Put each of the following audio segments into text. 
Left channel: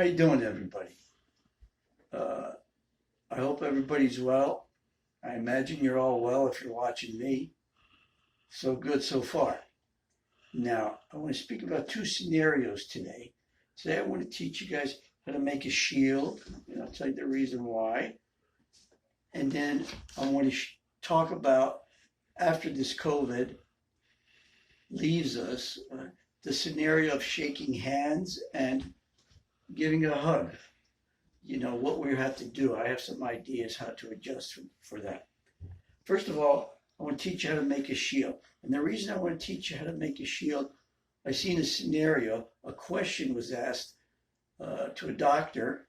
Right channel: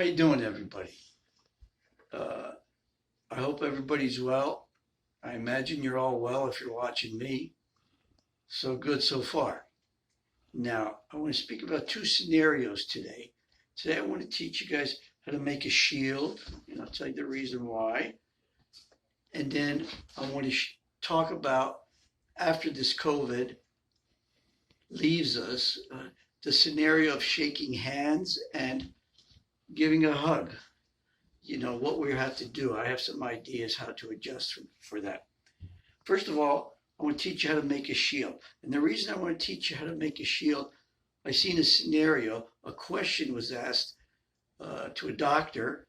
How you doing, everybody? Uh, I hope everybody's well. I imagine you're all well if you're watching me. So good so far. Now, I want to speak about two scenarios today. Today, I want to teach you guys how to make a shield, and I'll tell you the reason why. And then I want to talk about after this COVID leaves us, the scenario of shaking hands and giving a hug. What we have to do. I have some ideas how to adjust for that. First of all, I want to teach you how to make a shield. And the reason I want to teach you how to make a shield, I seen a scenario, a question was asked to a doctor.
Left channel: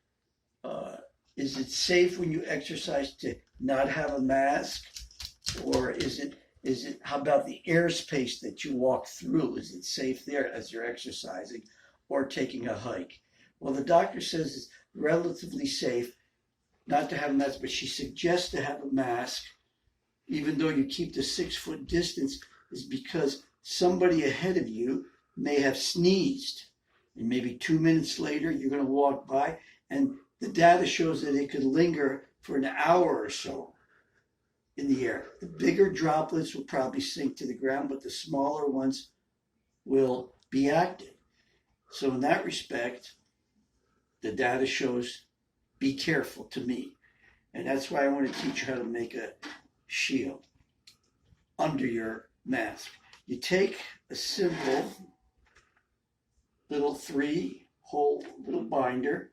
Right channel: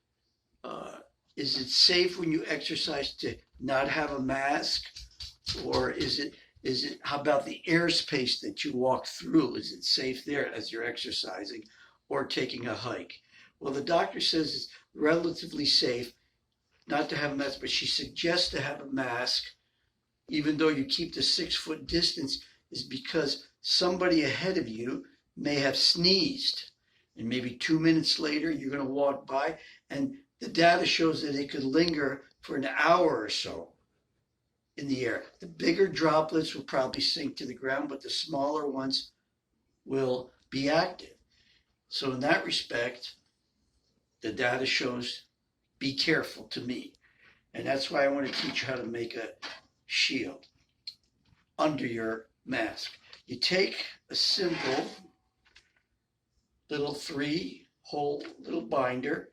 Is it safe when you exercise to not have a mask? Or how about the airspace that you walk through? Is it safe there as you're exercising or taking a hike? Well, the doctor says it's relatively safe not to have a mask, but she suggests to have a mask, even though you keep the 6 foot distance, is because somebody ahead of you may have sneezed. And maybe 2 minutes later, you're going to walk by, and the data shows that it could linger for an hour or so in the air. The bigger droplets will probably sink to the ground, but the smaller ones will be active. So in that respect, the data shows be careful to me. And that's why I want to teach you how to make a shield under your mask. You take a simple little 3-hole little binder,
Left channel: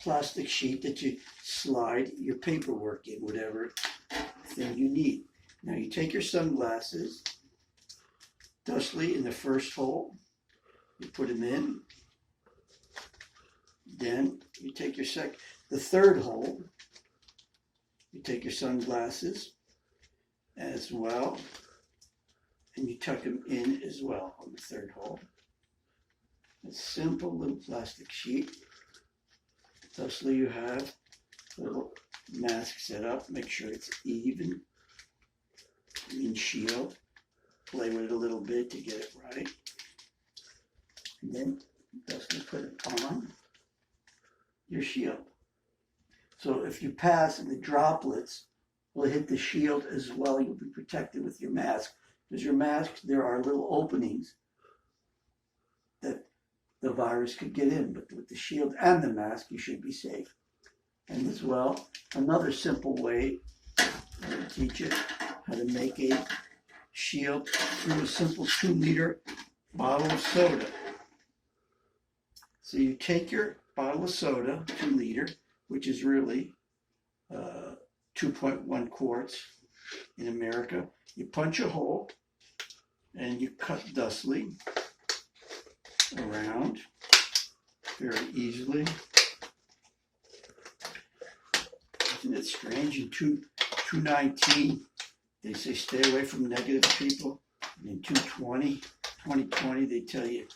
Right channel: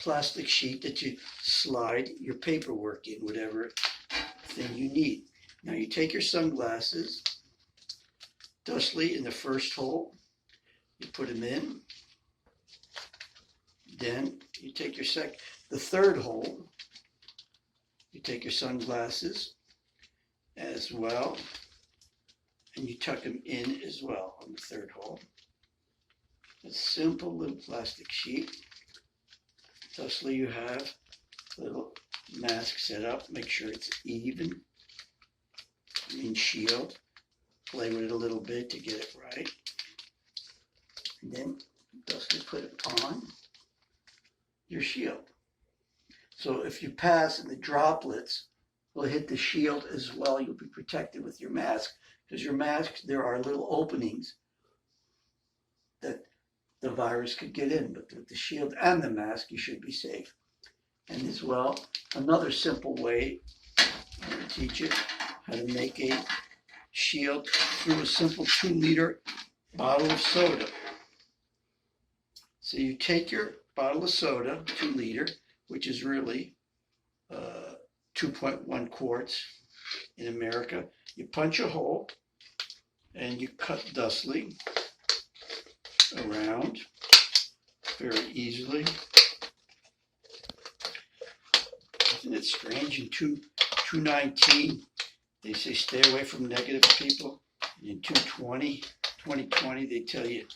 plastic sheet that you slide your paperwork in, whatever thing you need. Now you take your sunglasses, dustly in the first hole, you put them in. Then you take the third hole, you take your sunglasses as well, and you tuck them in as well on the third hole. A simple little plastic sheet. Thusly you have a little mask set up. Make sure it's even and shield. Play with it a little bit to get it right. And then thusly put it on your shield. So if you pass and the droplets will hit the shield as well, you'll be protected with your mask, because your mask, there are little openings that the virus could get in, but with the shield and the mask, you should be safe. And as well, another simple way, I'm going to teach you how to make a shield through a simple 2-liter bottle of soda. So you take your bottle of soda, 2-liter, which is really 2.1 quarts in America. You punch a hole and you cut thusly around very easily. Isn't it strange? In 219, they say stay away from negative people. In 2020, they tell you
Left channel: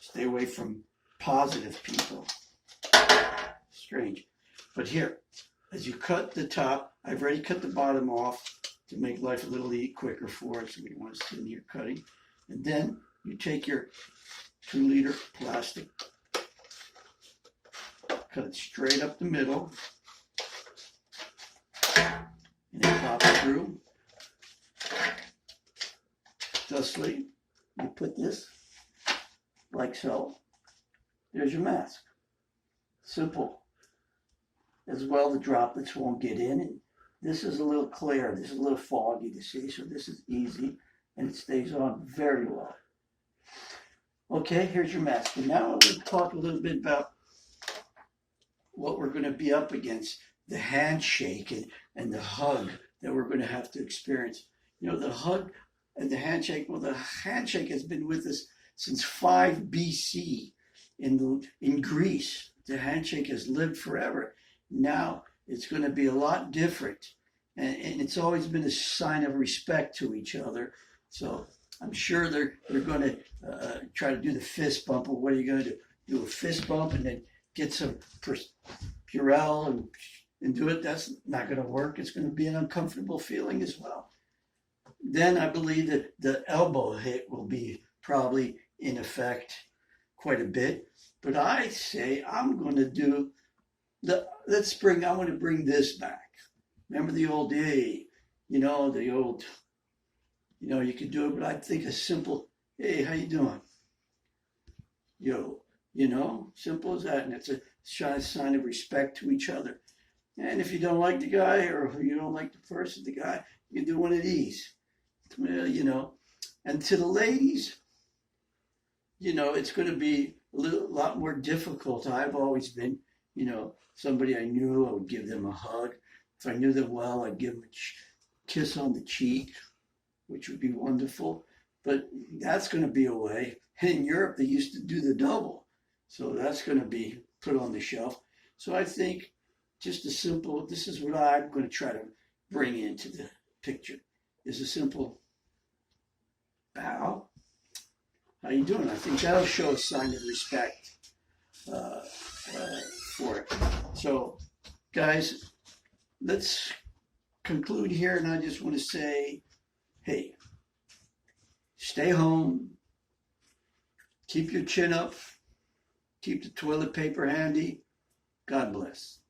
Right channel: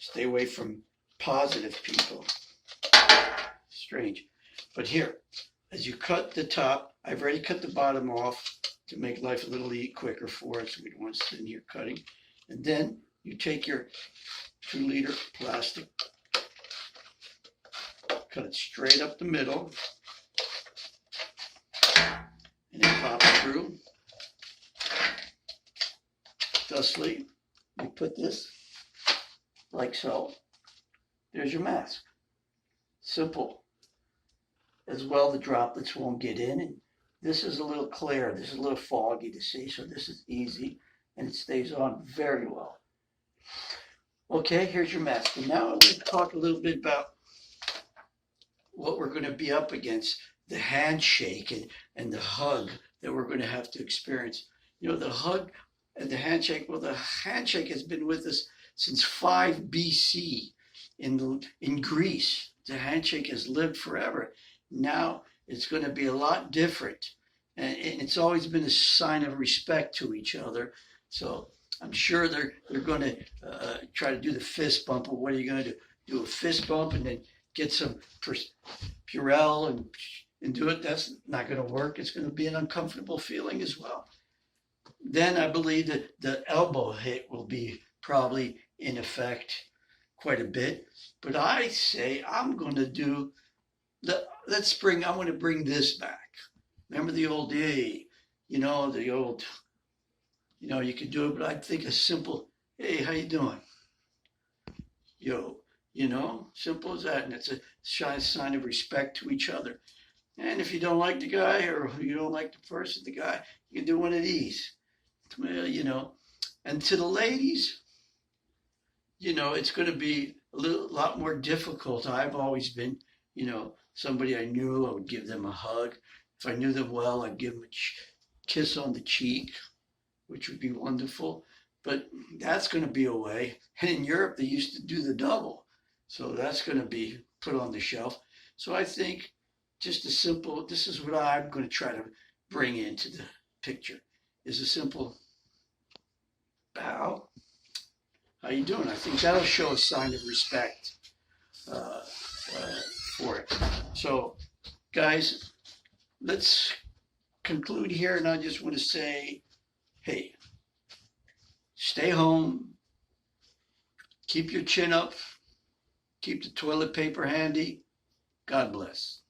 stay away from positive people. Strange. But here, as you cut the top, I've already cut the bottom off to make life a little quicker for us. So we don't want to sit in here cutting. And then you take your 2-liter plastic, cut it straight up the middle, and then pop it through. Thusly, you put this like so. There's your mask. Simple. As well, the droplets won't get in. And this is a little clear. This is a little foggy to see, so this is easy, and it stays on very well. Okay, here's your mask. And now I'm going to talk a little bit about what we're going to be up against, the handshake and the hug that we're going to have to experience. The hug and the handshake, well, the handshake has been with us since 5 BC in Greece. The handshake has lived forever. Now it's going to be a lot different. And it's always been a sign of respect to each other. So I'm sure they're going to try to do the fist bump. Or what are you going to do? Do a fist bump and then get some Purell and do it? That's not going to work. It's going to be an uncomfortable feeling as well. Then I believe that the elbow hit will be probably in effect quite a bit. But I say I'm going to do I want to bring this back. Remember the old day, the old, you could do it, but I think a simple, hey, how you doing? Yo, simple as that. And it's a shy sign of respect to each other. And if you don't like the guy or you don't like the guy, you can do one of these. Well. And to the ladies, it's going to be lot more difficult. I've always been, somebody I knew, I would give them a hug. If I knew them well, I'd give them a kiss on the cheek, which would be wonderful. But that's going to be away. And in Europe, they used to do the double. So that's going to be put on the shelf. So I think just this is what I'm going to try to bring into the picture, is a simple bow. How you doing? I think that'll show a sign of respect for it. So, guys, let's conclude here, and I just want to say, hey, stay home, keep your chin up, keep the toilet paper handy. God bless.